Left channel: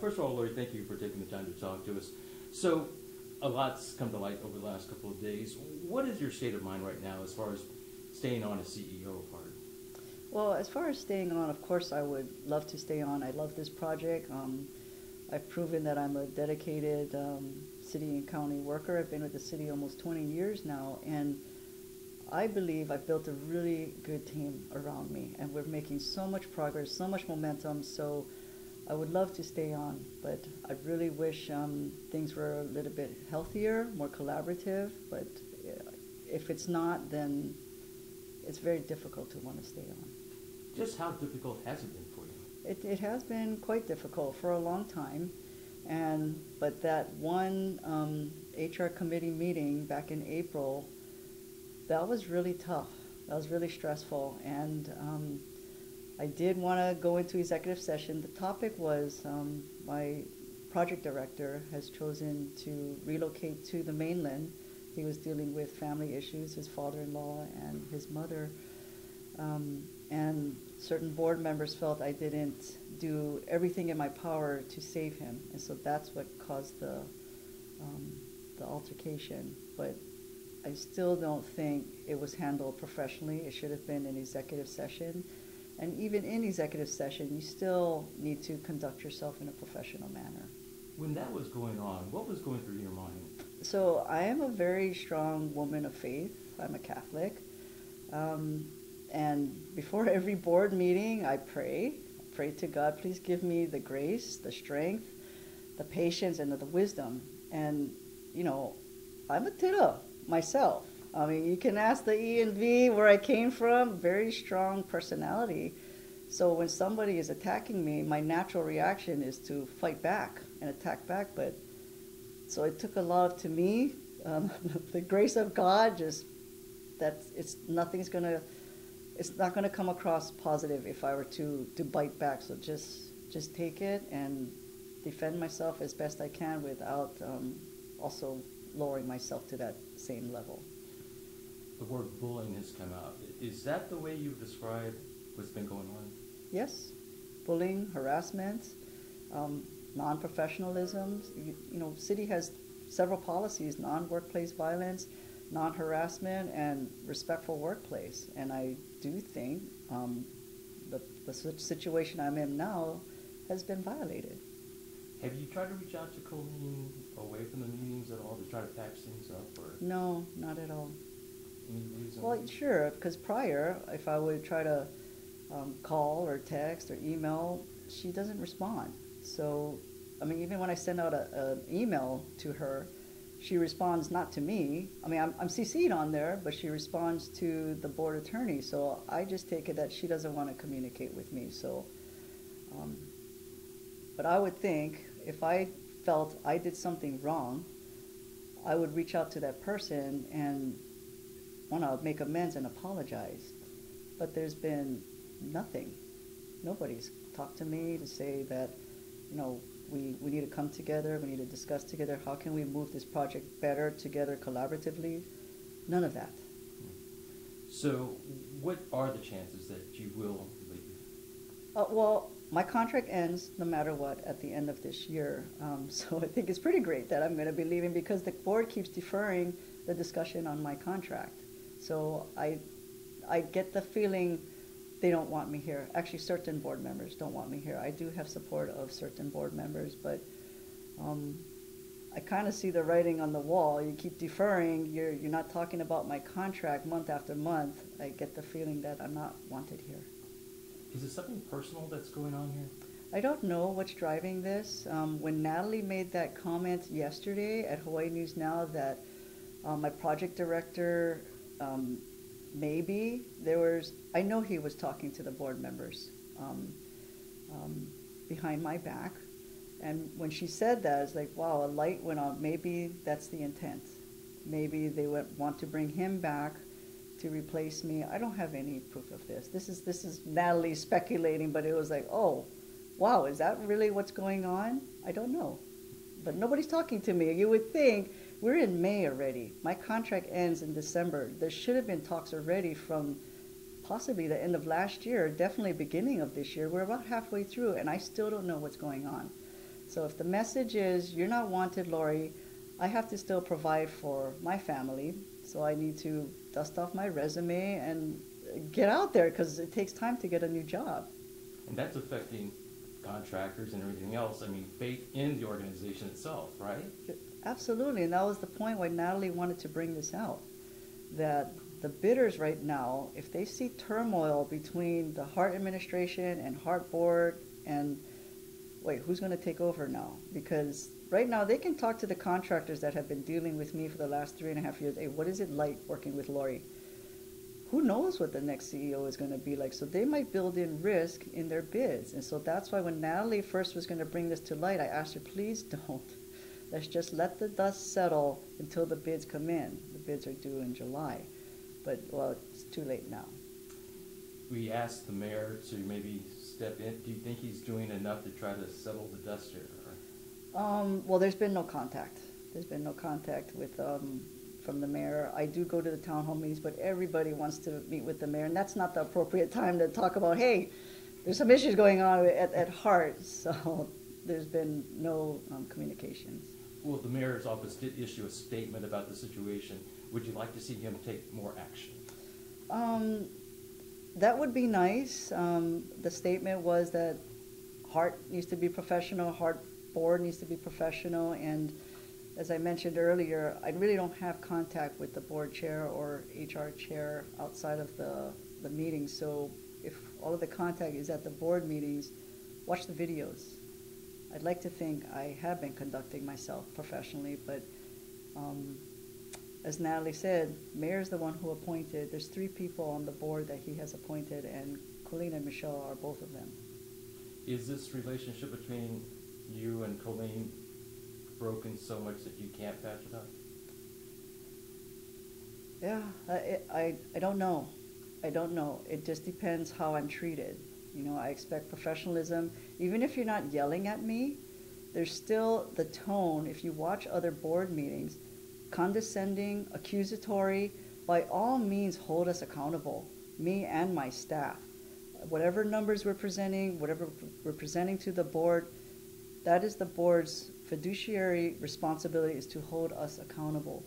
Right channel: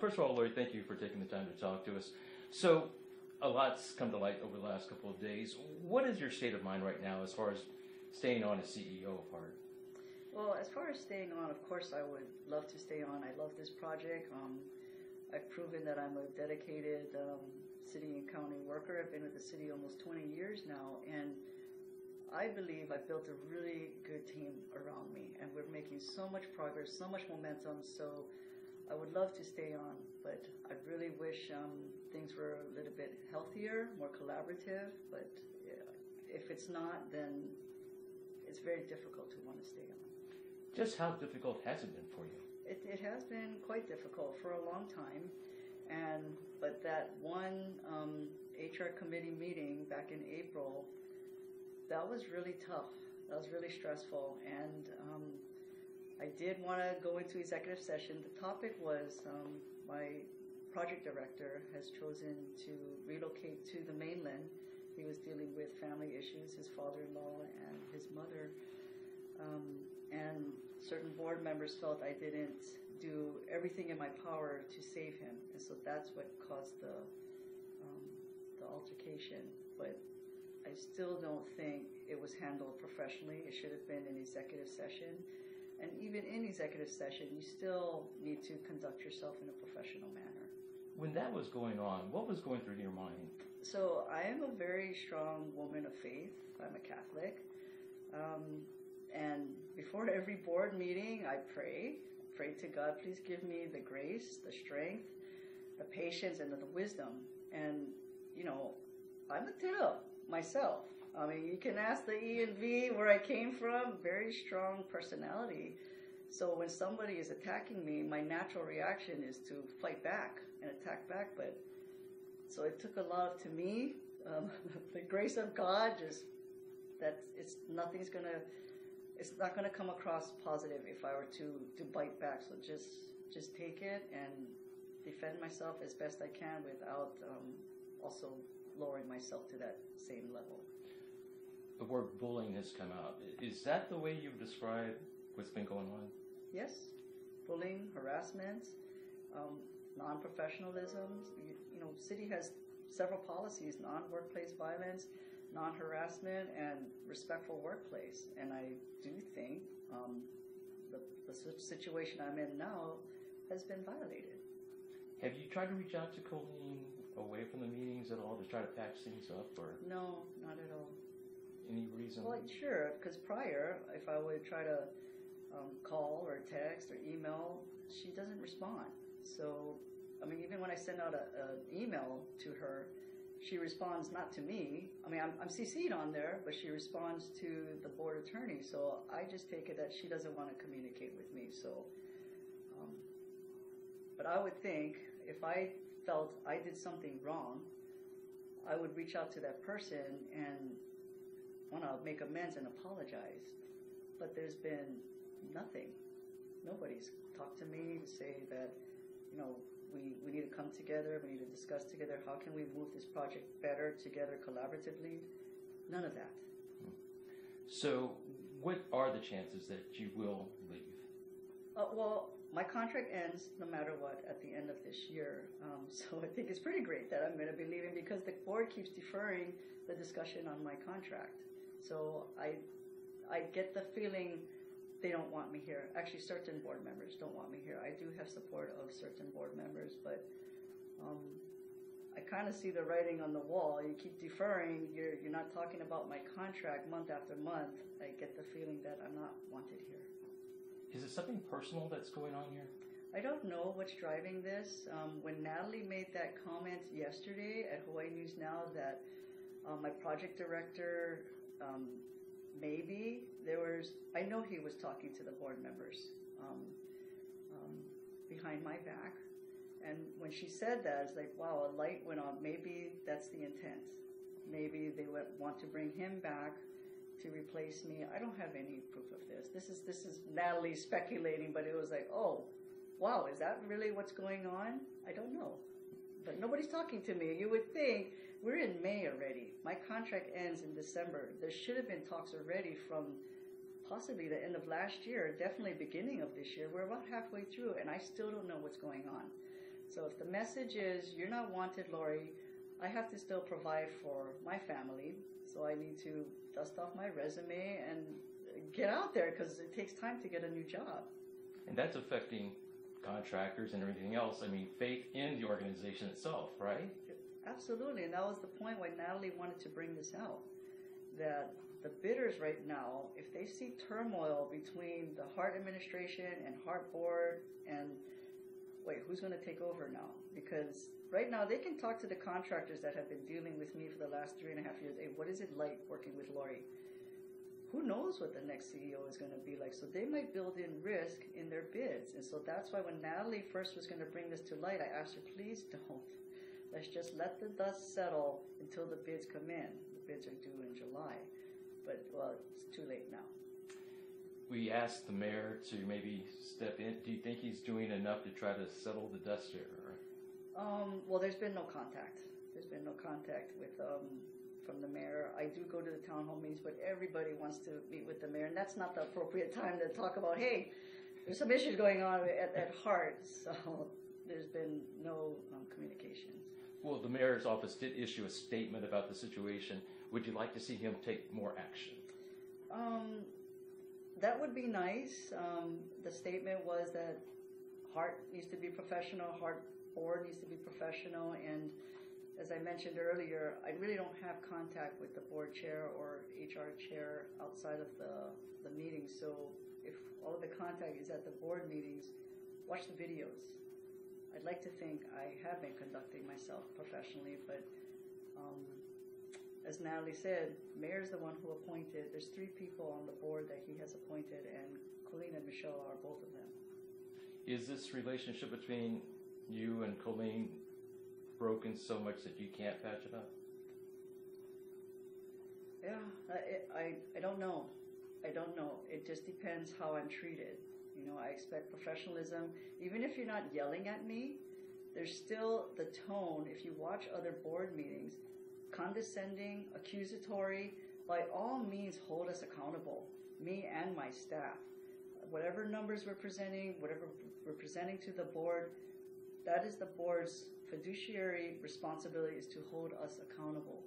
First of all, Lori, thank you for taking the time to talk to us. So, a lot's come to light over the last couple of days. What is your state of mind right now as far as staying on as CEO of HART? Well, as far as staying on, of course, I would love to stay on. I love this project. I've proven that I'm a dedicated city and county worker. I've been with the city almost 20 years now, and I believe I've built a really good team around me, and we're making so much progress, so much momentum. So I would love to stay on, but I really wish things were a little bit healthier, more collaborative. But if it's not, then it's very difficult to want to stay on. Just how difficult has it been for you? It has been quite difficult for a long time, but that one HR committee meeting back in April, that was really tough. That was really stressful, and I did want to go into executive session. The topic was my project director has chosen to relocate to the mainland. He was dealing with family issues, his father-in-law and his mother, and certain board members felt I didn't do everything in my power to save him, and so that's what caused the altercation. But I still don't think it was handled professionally. It should have been an executive session. And even in executive session, you still need to conduct yourself in a professional manner. When that was going on, what was going through your mind? So I am a very strong woman of faith. I'm a Catholic. And before every board meeting, I pray to God, please give me the grace, the strength, the patience, and the wisdom. And, you know, I'm a kiddo myself. I mean, you can ask the E and V where I came from, very strong personality. So when somebody is attacking me, my natural reaction is to fight back and attack back. But so it took a lot to me. The grace of God, just that it's not gonna come across positive if I were to bite back. So just take it and defend myself as best I can without also lowering myself to that same level. The word bullying has come out. Is that the way you describe what's been going on? Yes, bullying, harassment, non-professionalism. You know, city has several policies: non-workplace violence, non-harassment, and respectful workplace. And I do think the situation I'm in now has been violated. Have you tried to reach out to Colleen away from the meetings at all to try to patch things up? Or No, not at all. any reason? Well, sure, because prior, if I would try to call or text or email, she doesn't respond. So, I mean, even when I send out an email to her, she responds not to me. I mean, I'm CC'd on there, but she responds to the board attorney. So I just take it that she doesn't want to communicate with me. So, but I would think if I felt I did something wrong, I would reach out to that person and want to make amends and apologize. But there's been nothing. Nobody's talked to me to say that, you know, we need to come together, we need to discuss together, how can we move this project better together collaboratively? None of that. So what are the chances that you will leave? Well, my contract ends no matter what at the end of this year. So I think it's pretty great that I'm going to be leaving because the board keeps deferring the discussion on my contract. So I get the feeling they don't want me here. Actually, certain board members don't want me here. I do have support of certain board members, but I kind of see the writing on the wall. You keep deferring. You're not talking about my contract month after month. I get the feeling that I'm not wanted here. Is it something personal that's going on here? I don't know what's driving this. When Natalie made that comment yesterday at Hawaii News Now that my project director, maybe I know he was talking to the board members behind my back. And when she said that, it's like, wow, a light went on. Maybe that's the intent. Maybe they want to bring him back to replace me. I don't have any proof of this. This is Natalie speculating, but it was like, oh, wow, is that really what's going on? I don't know. But nobody's talking to me. You would think we're in May already. My contract ends in December. There should have been talks already from possibly the end of last year, definitely beginning of this year. We're about halfway through, and I still don't know what's going on. So if the message is, you're not wanted, Lori, I have to still provide for my family. So I need to dust off my resume and get out there, because it takes time to get a new job. And that's affecting contractors and everything else. I mean, faith in the organization itself, right? Absolutely, and that was the point why Natalie wanted to bring this out. That the bidders right now, if they see turmoil between the HART administration and HART board, and wait, who's going to take over now? Because right now they can talk to the contractors that have been dealing with me for the last 3.5 years. Hey, what is it like working with Lori? Who knows what the next CEO is going to be like? So they might build in risk in their bids. And so that's why when Natalie first was going to bring this to light, I asked her, please don't. Let's just let the dust settle until the bids come in. The bids are due in July. But, well, it's too late now. We asked the mayor to maybe step in. Do you think he's doing enough to try to settle the dust here? Well, there's been no contact. There's been no contact with from the mayor. I do go to the town hall meetings, but everybody wants to meet with the mayor, and that's not the appropriate time to talk about, hey, there's some issues going on at HART. So there's been no communications. Well, the mayor's office did issue a statement about the situation. Would you like to see him take more action? That would be nice. The statement was that HART needs to be professional, HART board needs to be professional, and as I mentioned earlier, I really don't have contact with the board chair or HR chair outside of the meetings. So if all of the contact is at the board meetings, watch the videos. I'd like to think I have been conducting myself professionally, but as Natalie said, Mayor's the one who appointed. There's 3 people on the board that he has appointed, and Colleen and Michelle are both of them. Is this relationship between you and Colleen broken so much that you can't patch it up? Yeah, I don't know. I don't know. It just depends how I'm treated. You know, I expect professionalism. Even if you're not yelling at me, there's still the tone. If you watch other board meetings, condescending, accusatory, by all means hold us accountable, me and my staff. Whatever numbers we're presenting, whatever we're presenting to the board, that is the board's fiduciary responsibility, is to hold us accountable.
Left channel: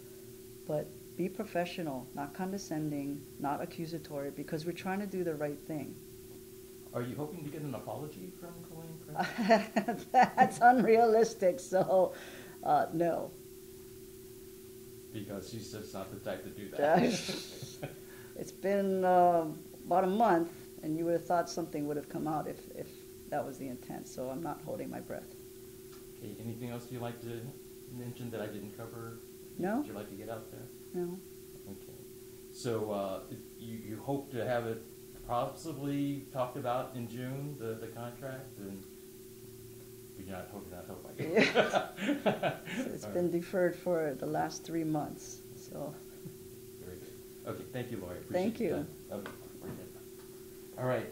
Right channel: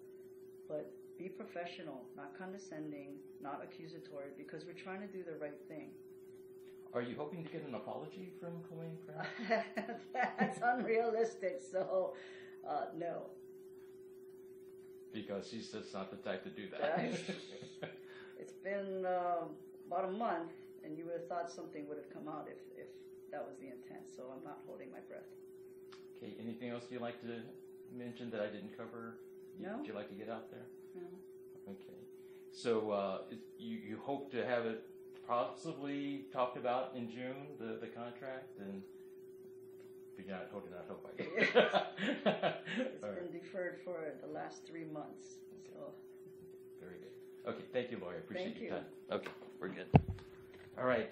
But be professional, not condescending, not accusatory, because we're trying to do the right thing. Are you hoping to get an apology from Colleen? That's unrealistic, so no. Because she's just not the type to do that. It's been about a month, and you would have thought something would have come out if that was the intent, so I'm not holding my breath. Okay, anything else you'd like to mention that I didn't cover? No. Would you like to get out there? No. Okay. So you hope to have it possibly talked about in June, the contract, and you're not hoping. It's been deferred for the last 3 months, so. Very good. Okay, thank you, Lori. Thank you. That. Okay, we're good. All right.